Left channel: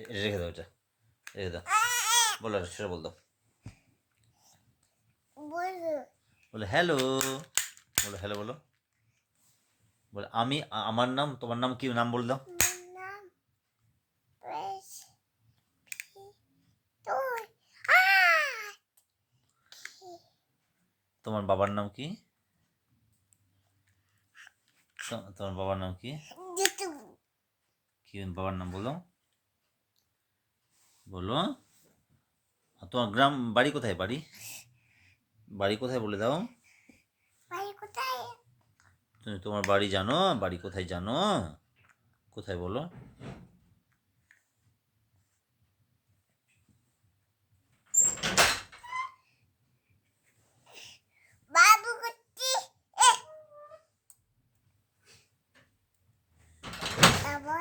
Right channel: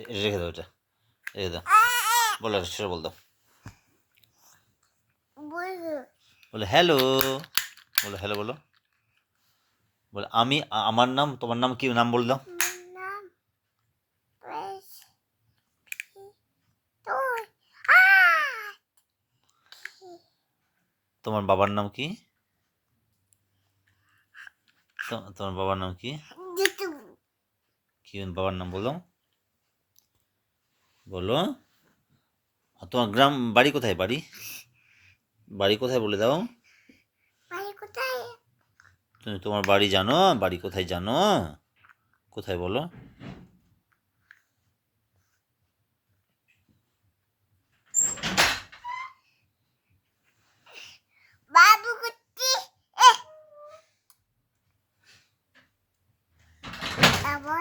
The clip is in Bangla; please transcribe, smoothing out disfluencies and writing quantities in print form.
এটা রেখে দাও, এটা রেখে দাও। বলো, সেটা বল দাও। বলো হ্যালো, বলো হ্যালো, বলো বলো আমি, আমার নাম, তোমার নাম কি, নাম বল দাও। তোমার বাবার নাম কি? তোমার বাবার নাম কি? কি বাবার নাম বলো, বলো। তোমার গ্রাম, বাড়ি কোথায়, বাড়ি বাড়ি কোথায় বলে দাও। তুমি তোমার বাড়ি জানো? বাড়ি কোথায় জানো? কোথায় বলো। বাবু কুত্তি বাবা